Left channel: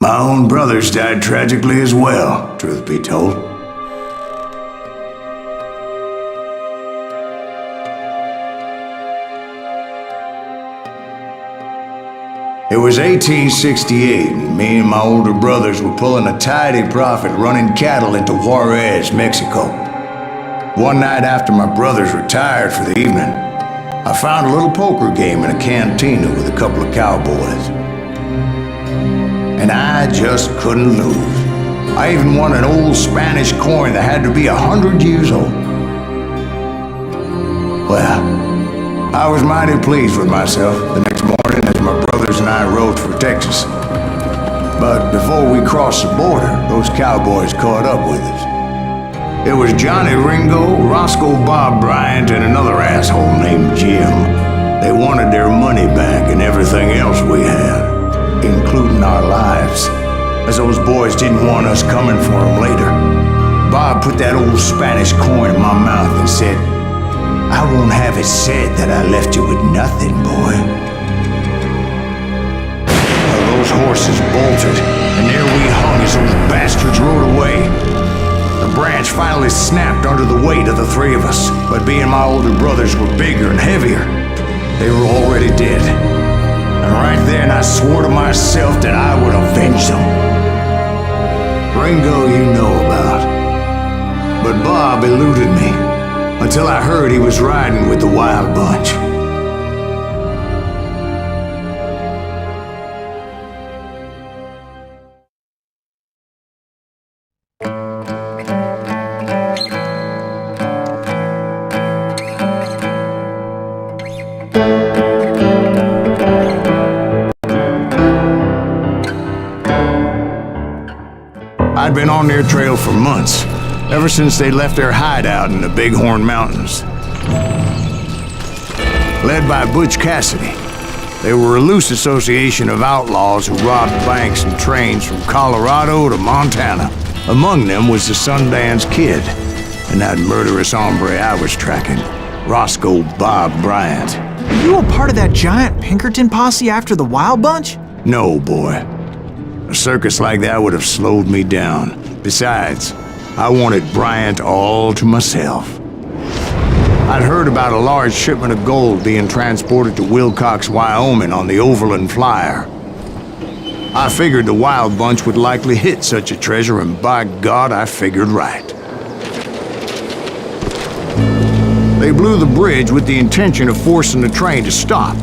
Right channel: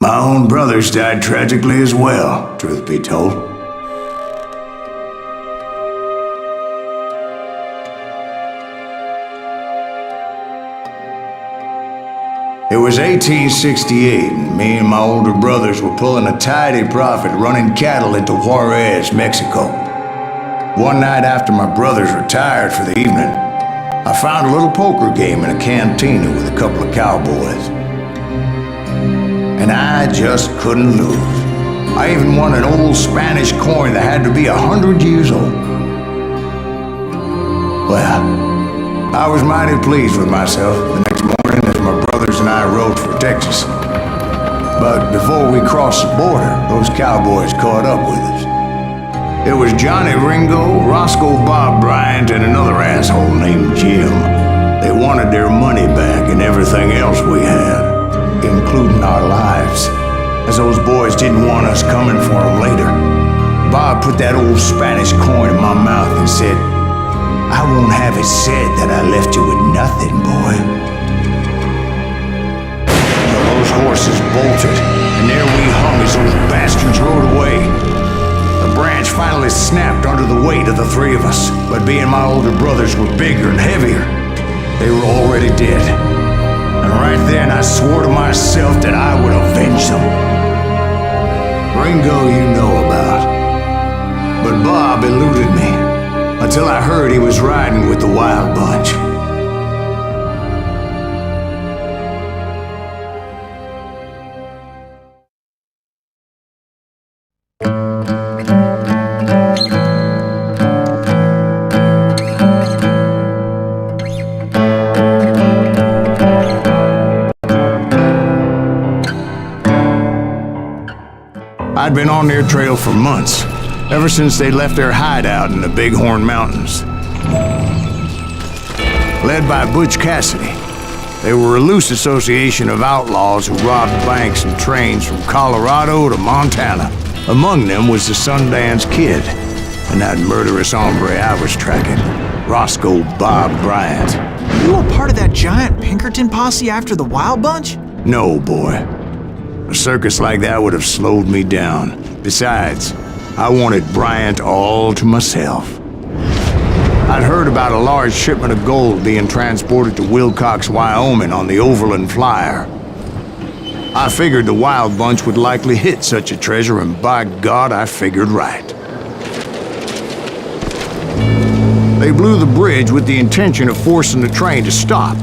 My own brothers died tragically as well, truth be told. It was 1868, and me and my older brothers were pulling a tidy profit running cattle into Juarez, Mexico. One night after my brothers retired for the evening, I found a little poker game in a cantina with a couple of cowboys. And I just couldn't lose. I even won an old Spanish coin that had to be 100 years old. Well, I was mighty pleased with myself the next morning as my brothers and I rode for Texas. But before we crossed the border, those cowboys caught up with us. It was Johnny Ringo, Roscoe Bob Bryant, and another asshole named Jim. They wanted their money back and everything else we had, including our lives, as those boys didn't want us coming for them later. Bob put that old Spanish coin in my mouth and said, "I won't have it said that I left you with nothing, boy." Well, those horses bolted, and there we hung as those bastards rode away. The branch finally snapped under the weight of the three of us, but being my older brothers were bigger and heavier, they were already dead. And right then I swore to myself that I would avenge them. Ringo you know about. But Bob eluded me, until I heard he was riding with the Wild Bunch. I'd been on their trail for months, ever since they left their hideout in the Bighorn Mountains. Led by Butch Cassidy, they were a loose association of outlaws who robbed banks and trains from Colorado to Montana. Among them was the Sundance Kid, and that murderous hombre I was tracking, Roscoe Bob Bryant. Were you a part of that giant Pinkerton posse after the Wild Bunch? No, boy. A circus like that would have slowed me down. Besides, I wanted Bryant all to myself. I'd heard about a large shipment of gold being transported to Wilcox, Wyoming on the Overland Flyer. I figured the Wild Bunch would likely hit such a treasure, and by God, I figured right. They blew the bridge with the intention of forcing the train to stop.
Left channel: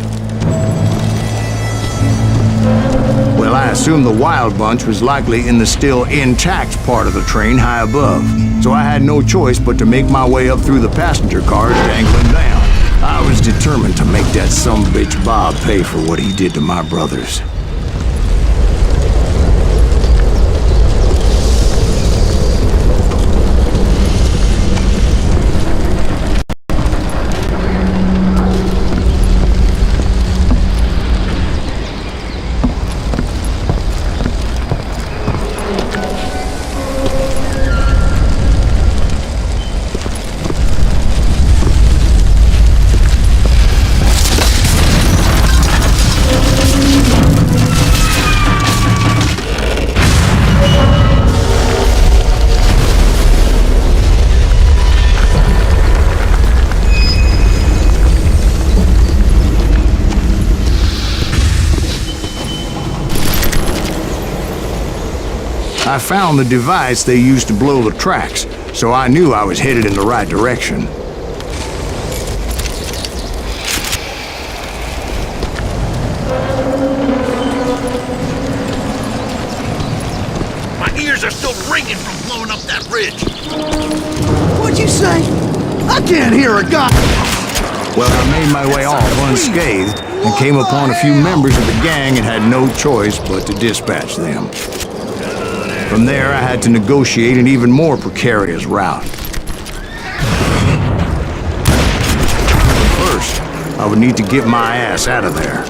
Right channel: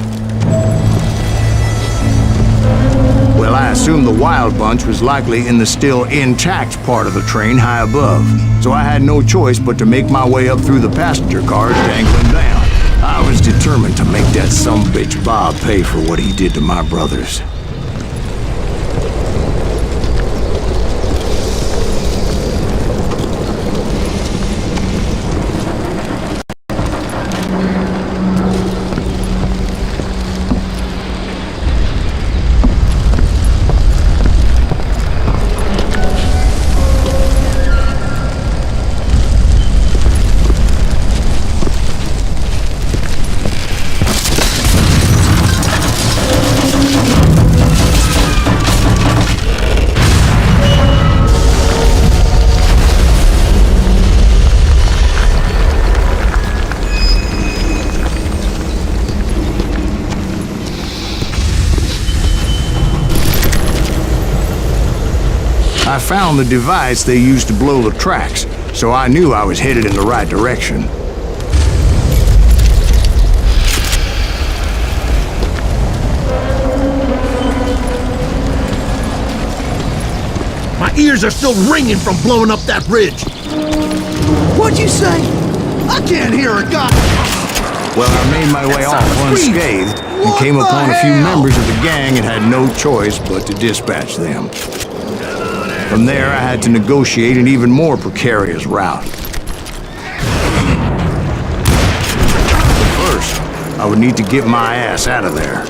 Well, I assumed the Wild Bunch was likely in the still intact part of the train high above, so I had no choice but to make my way up through the passenger cars dangling down. I was determined to make that sumbitch Bob pay for what he did to my brothers. I found the device they used to blow the tracks, so I knew I was headed in the right direction. My ears are still ringing from blowing up that bridge. What'd you say? I can't hear a guy. Well, I made my way off unscathed and came upon a few members of the gang and had no choice but to dispatch them. From there, I had to negotiate an even more precarious route. But first, I would need to get my ass out of there.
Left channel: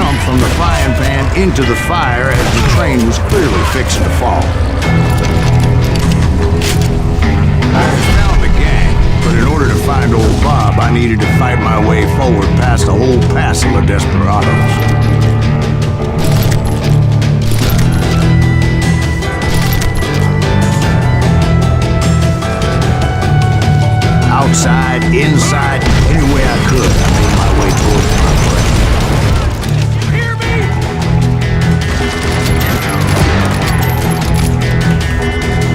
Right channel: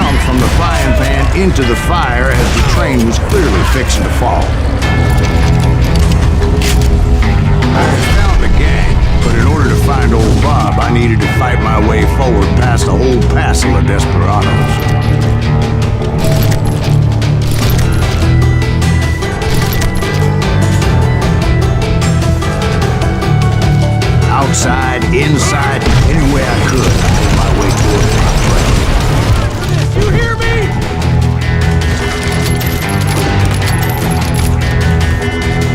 jumped from the frying pan into the fire as the train was clearly fixing to fall. I had found the gang, but in order to find old Bob, I needed to fight my way forward past a whole passel of desperados. Outside, inside, any way I could, I made my way towards my prey. You hear me?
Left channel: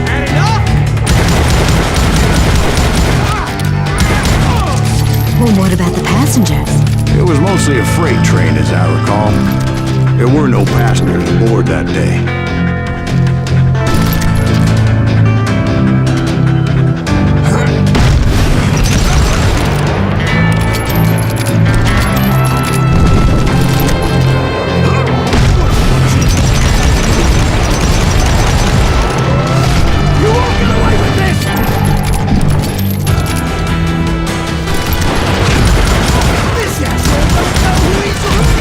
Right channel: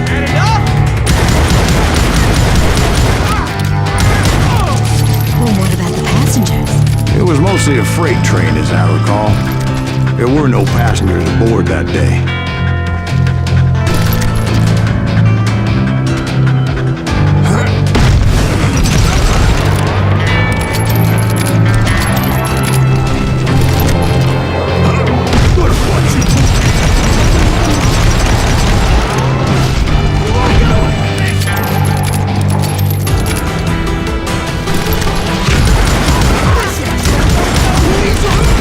Had enough? Well, what about the passengers? It was mostly a freight train, as I recall. There were no passengers aboard that day. You won't get away with this! This asshole don't know who he's with.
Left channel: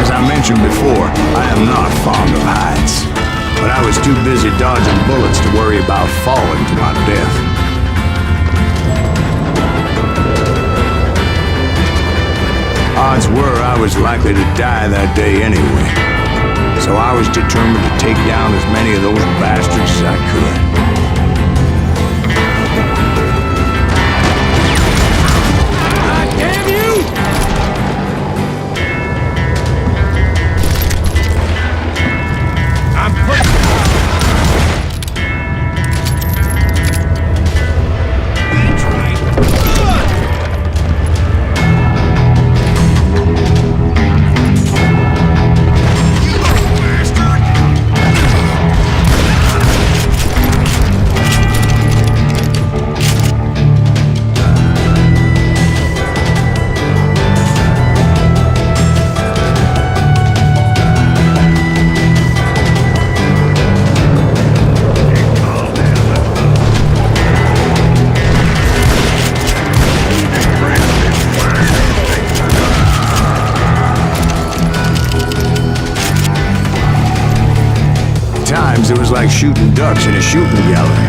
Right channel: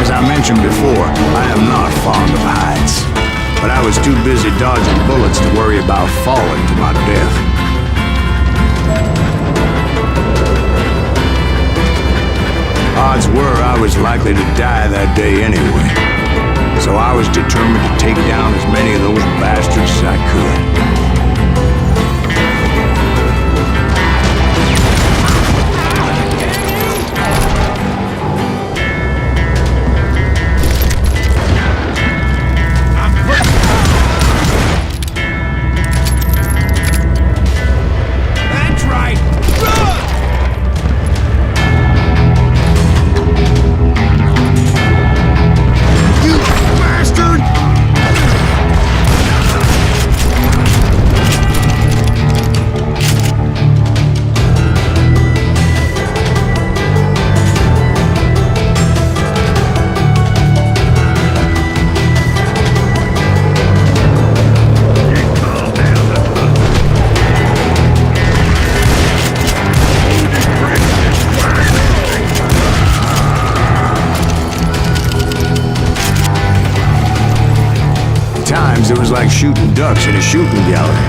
As I mentioned before, I am not fond of heights. But I was too busy dodging bullets to worry about falling to my death. Odds were I was likely to die that day anyway. So I was determined to take down as many of those bastards as I could. Ah, damn you! I'm putting... That's right! Good! You bastard! Times it was like shooting ducks in a shooting gallery.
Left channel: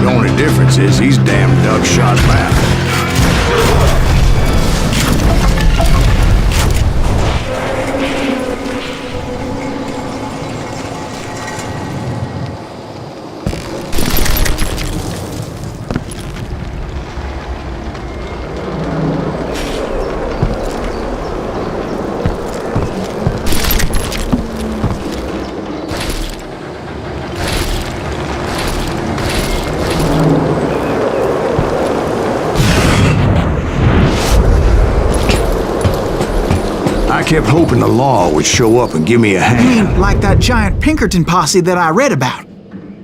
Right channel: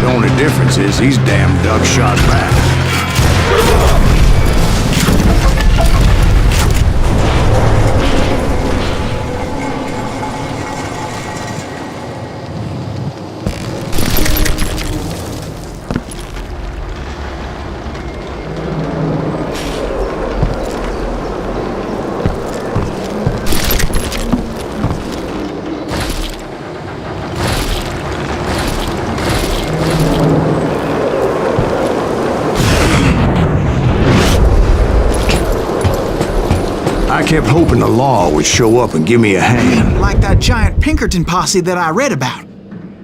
The only difference is these damn ducks shot back. I kept hoping the law would show up and give me a hand. Like that giant Pinkerton posse that I read about.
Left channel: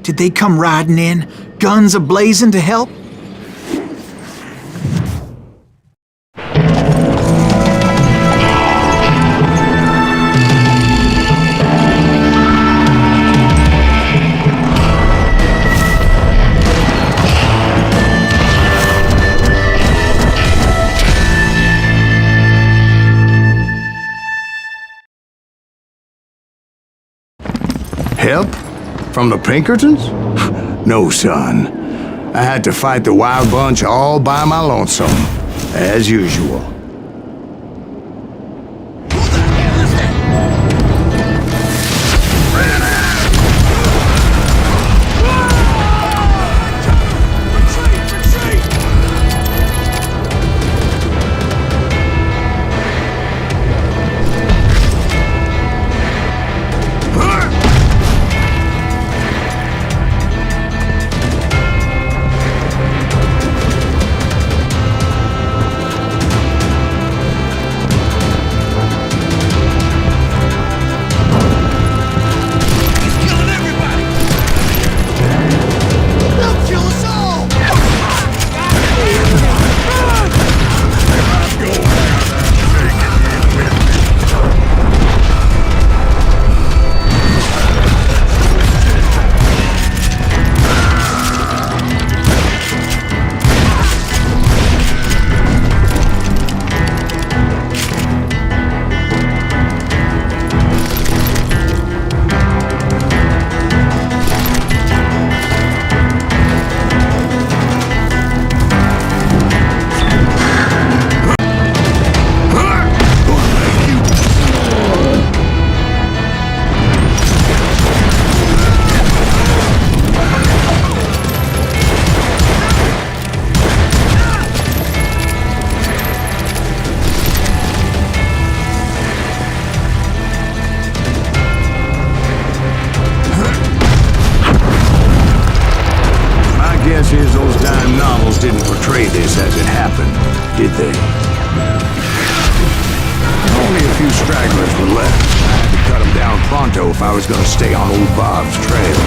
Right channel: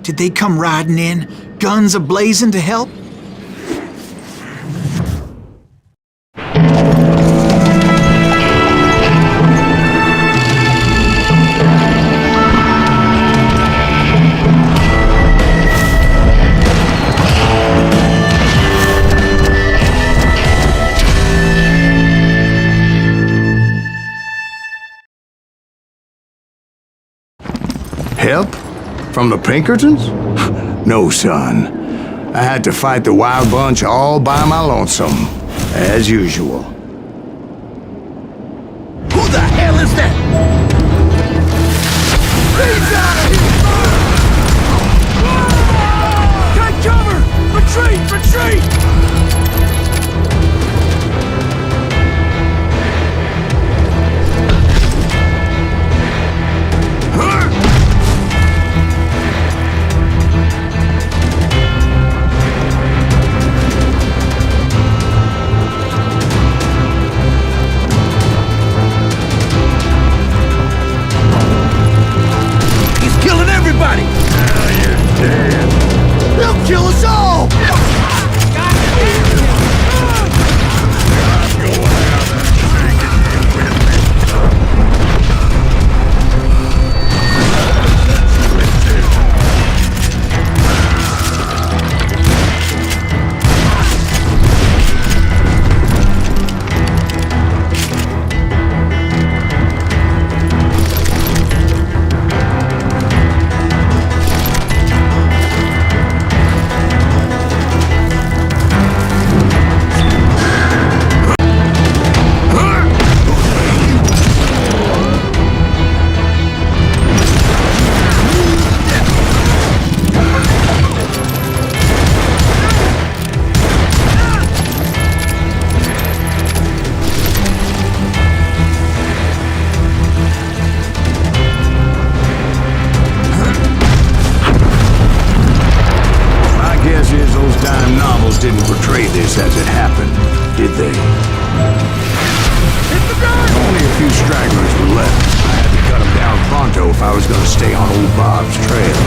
Did they come riding in, guns a-blazing to help? Help? From the Pinkertons? No, son. I had to fight the wild bunch all by my lonesome, as usual. Who the hell is that? Take cover! Retreat! Retreat! They'll kill us all! God damn it! I'm going out. I'm taking you with me. old-time novels didn't portray this as it happened, did they? Only a few stragglers were left. I had to cut them down pronto if I was gonna stay on old Bob's trail.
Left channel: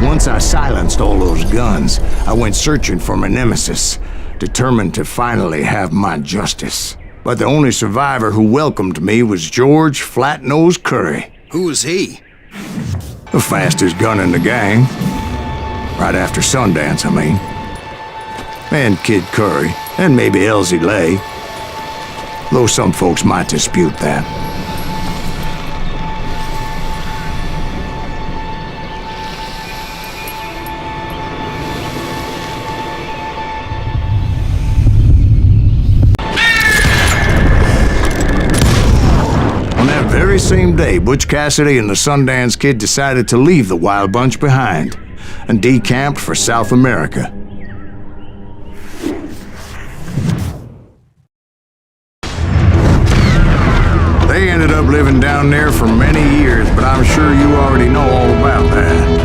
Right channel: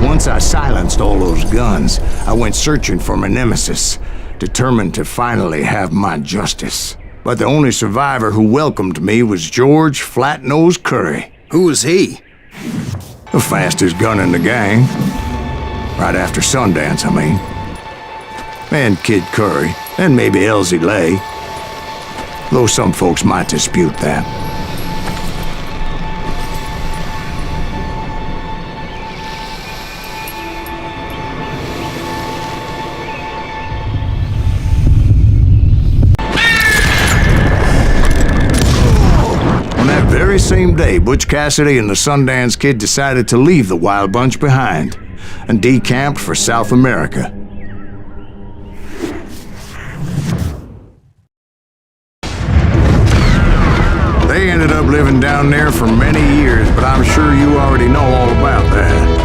Once I silenced all those guns, I went searching for my nemesis, determined to finally have my justice. But the only survivor who welcomed me was George Flat-Nosed Curry. Who was he? The fastest gun in the gang. Right after Sundance, I mean. And Kid Curry, and maybe Elsie Lay. Though some folks might dispute that. On that very same day, Butch Cassidy and the Sundance Kid decided to leave the Wild Bunch behind and decamped for South America. They ended up living down there for many years, but I'm sure you already know all about that.